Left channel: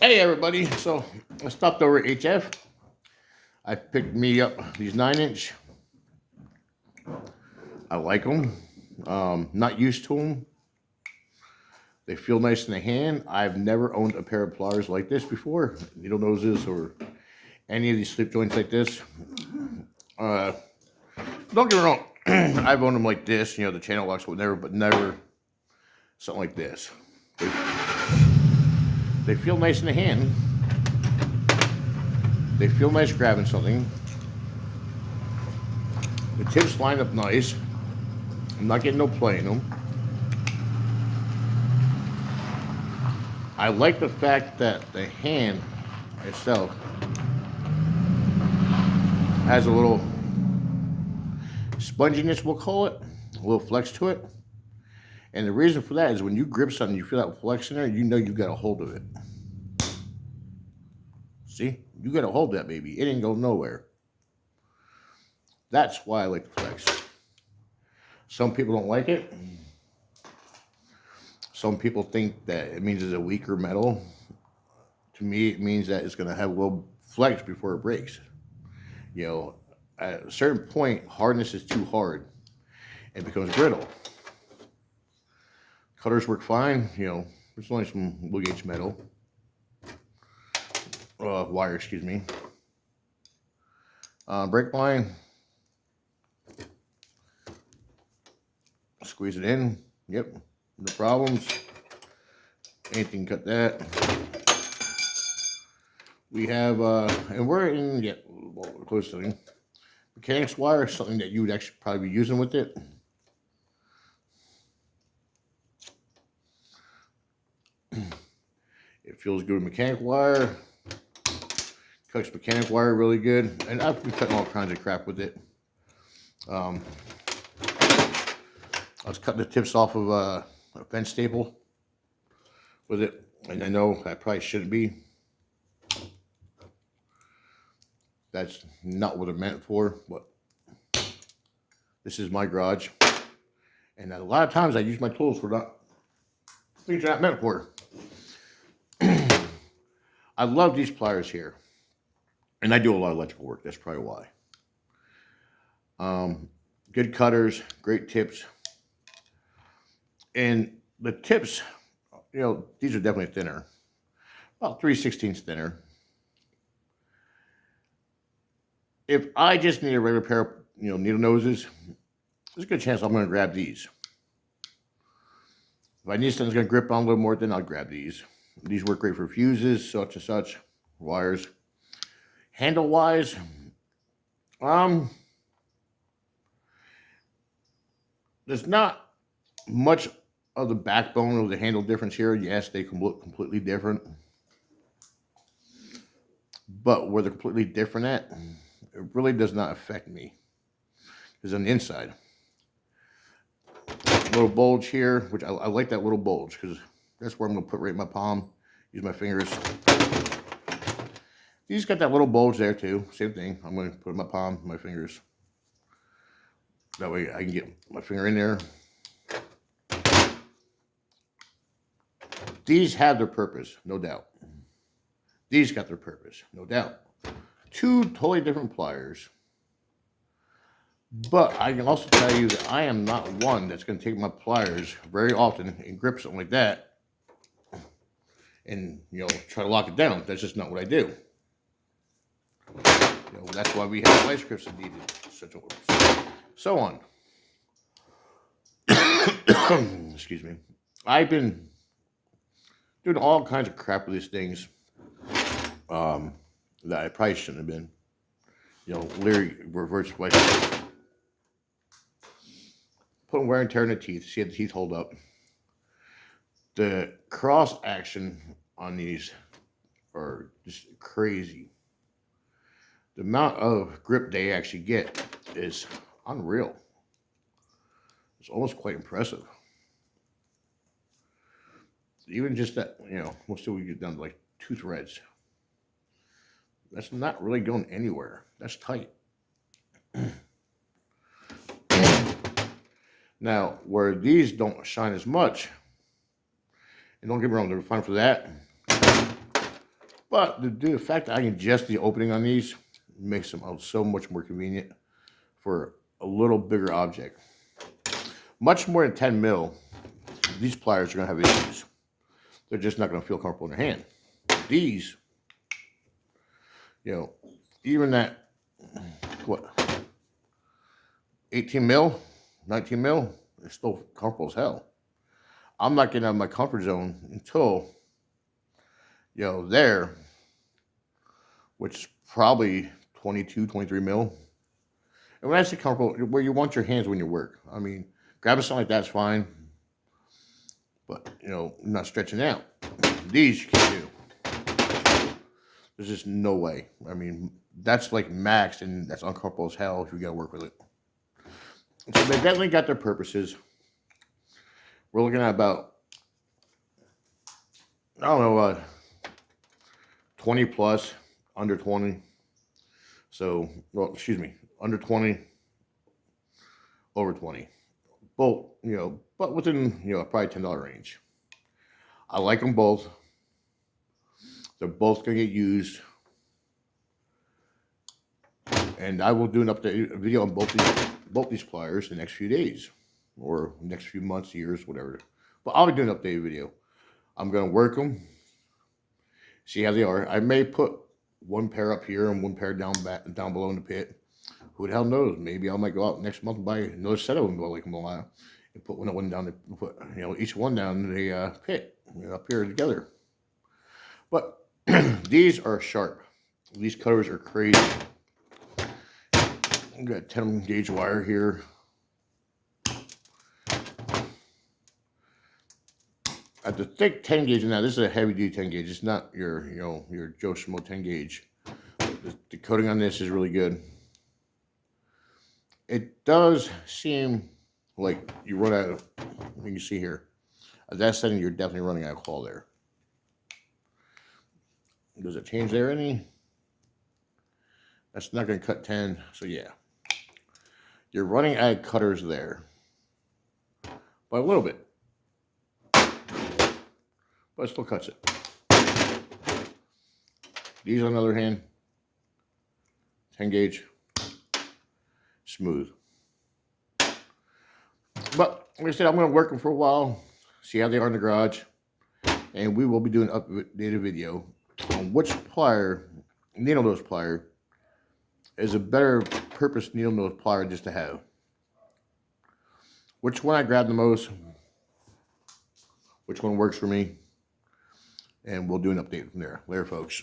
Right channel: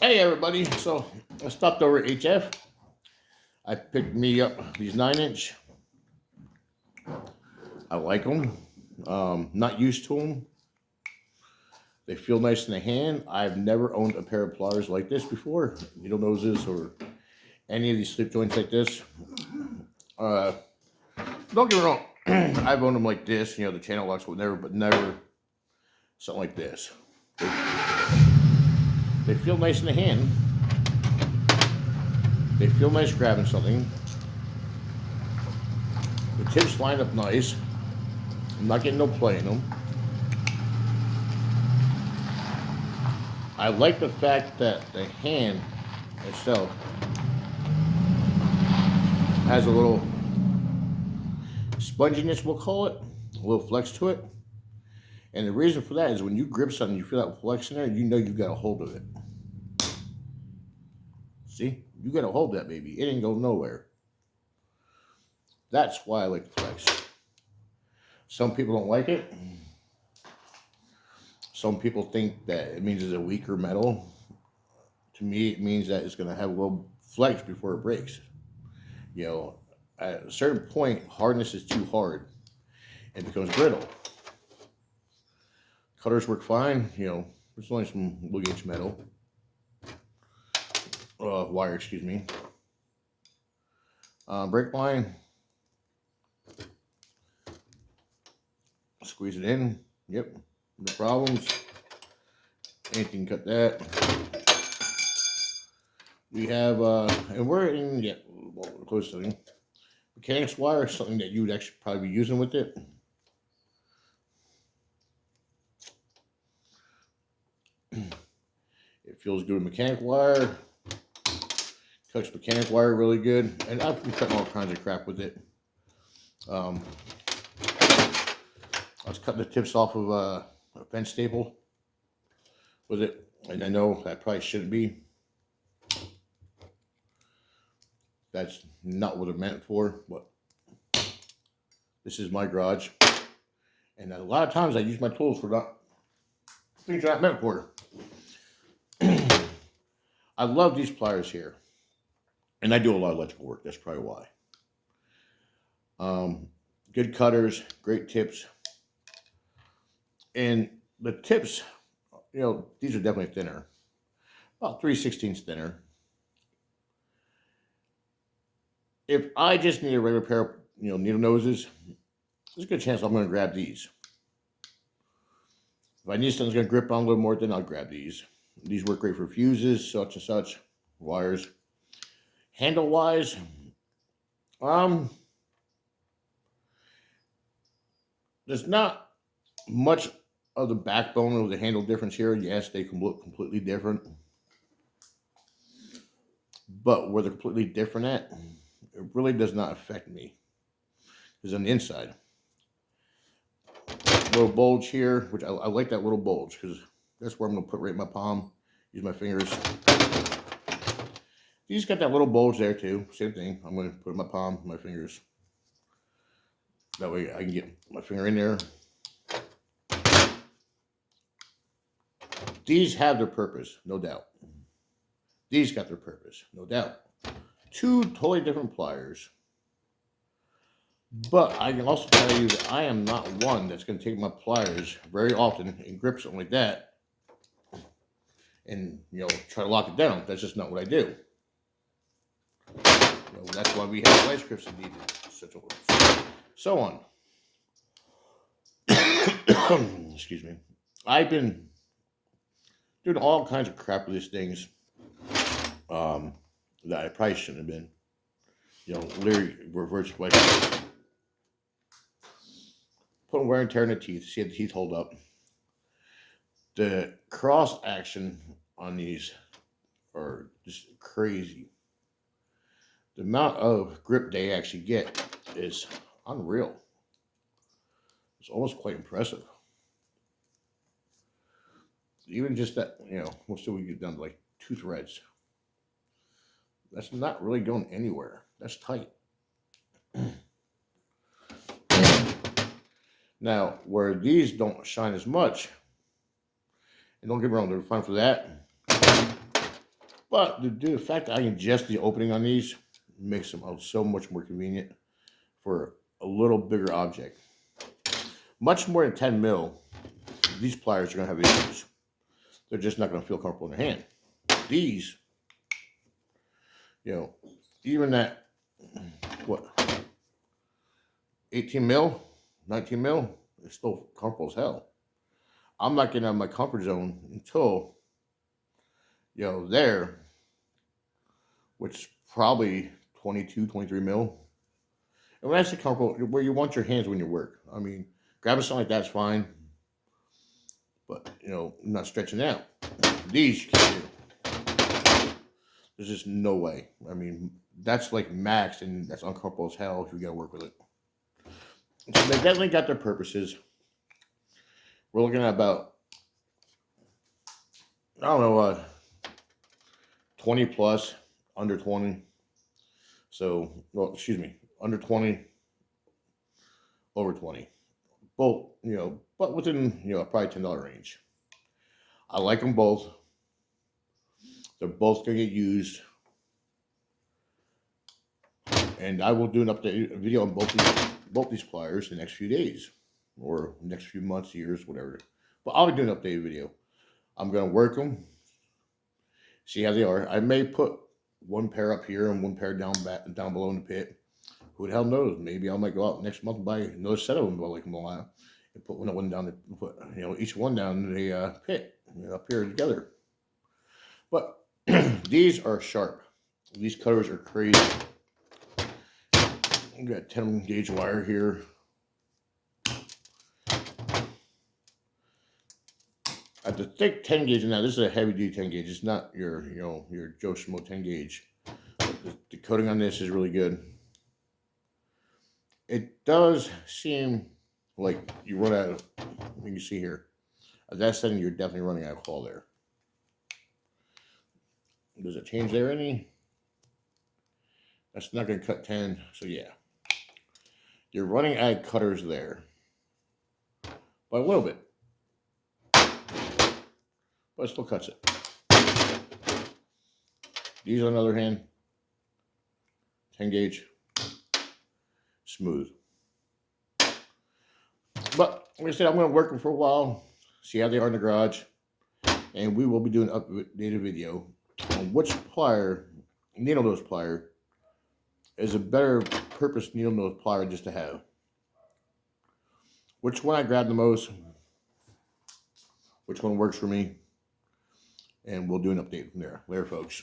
Hey everybody, so I stopped over at HF. I picked me up these 9 inch. I like them. Not used to them. They feel nice in the hand. I've never owned a pair of pliers like this before. Needle noses or any of these slip joints like this. Uh, don't get me wrong. I've owned them like this, the channel locks, whatever, but never something like this. They feel nice in the hand. They feel nice grabbing something. The tips line up nice. I'm not getting no play in them. I like the fact that the hand itself has a little sponginess, we'll call it, a little flex to it. And the reason for that is when you grip something, you feel that flex in there, you know you got a hold of it. See? You got a hold of that baby. It ain't go nowhere. That's why I like the flex. Some people don't like it. Some people think that it means it's a weaker metal. To me, it means that it's going to have a little flex before it breaks. At a certain point, hardness is too hard and it becomes brittle. Cutters work fine. There's only some low gauge metal. Wire, excuse me. Brake line. Squeeze it in. Yep. No problems. Anything cut that. We have, and we're in, close to it. Mechanics wire, something that you would actually probably be using with it. It feels good with mechanic wire. Cuts mechanic wire really good. And I've been cutting all kinds of crap with it. I was cutting the tips off of a fence staple with it. And I know that probably shouldn't be. That's not what it meant for, but this is my garage. And a lot of times I use my tools for not things they're not meant for. I love these pliers here. And I do a lot of electrical work. That's probably why. Good cutters, great tips. And the tips, these are definitely thinner. About 3/16 thinner. If I just need a regular pair of, needle noses, there's a good chance I'm going to grab these. If I need something that's going to grip on a little more, then I'll grab these. These work great for fuses, such and such, wires. Handle-wise, there's not much of the backbone of the handle difference here. Yes, they can look completely different. But where they're completely different at, it really does not affect me. Because on the inside, little bulge here, which I like that little bulge because that's where I'm going to put right in my palm, use my fingers. These got that little bulge there too, same thing. I'm going to put in my palm, my fingers. That way I can get my finger in there. These have their purpose, no doubt. These got their purpose, no doubt. Two totally different pliers. But I can also tell you that I am not one that's going to take my pliers very often and grip something like that and, try to lock it down. That's just not what I do. That's why we have vice grips and needed such a so on. Excuse me. I've been doing all kinds of crap with these things that I probably shouldn't have been. Literally reverse white. Putting wear and tear in the teeth. See how the teeth hold up. The cross action on these are just crazy. The amount of grip they actually get is unreal. It's almost quite impressive. Even just that, we'll see we get down to like 2 threads. That's not really going anywhere. That's tight. Now, where these don't shine as much, and don't get me wrong, they're fine for that. But the fact that I can adjust the opening on these makes them so much more convenient for a little bigger object. Much more than 10 mil, these pliers are going to have issues. They're just not going to feel comfortable in their hand. These, you know, even that, what, 18 mil, 19 mil, it's still comfortable as hell. I'm not getting out of my comfort zone until, you know, there, which is probably 22, 23 mil. And when I say comfortable, where you want your hands when you work. I mean, grabbing something like that's fine, but, you know, not stretching out. These you can do. There's just no way. I mean, that's like max, and that's uncomfortable as hell if you got to work with it. So they definitely got their purposes. We're looking at about, I don't know, 20 plus, under 20. So, well, excuse me, under 20, over 20. Both, you know, but within, you know, probably $10 range. I like them both. They're both going to get used. And I will do an update video on both these pliers the next few days. Or next few months, years, whatever. But I'll be doing an updated video. I'm going to work them. See how they are. I may put one pair up here and one pair down below in the pit. Who the hell knows? Maybe I might go out next month and buy another set of them, like them a lot, and put one down. Put, you know, each one down in the pit, you know, up here together. But these are sharp. These cutters are crazy. I've got 10 gauge wire here. At the thick 10 gauge now, this is a heavy duty 10 gauge. It's not your, you know, your Joe Schmo 10 gauge. The coating on this is really good. It does seem like you run out of, you can see here, at that setting you're definitely running out of claw there. Does it change there any? That's not going to cut 10, so yeah. You're running out of cutters there. By a little bit. But it still cuts it. These, on the other hand, 10 gauge, smooth. But like I said, I'm going to work them for a while, see how they are in the garage, and we will be doing an updated video on which plier, needle nose plier, is a better purpose needle nose plier just to have. Which one I grab the most, which one works for me, and we'll do an update from there. Later, folks.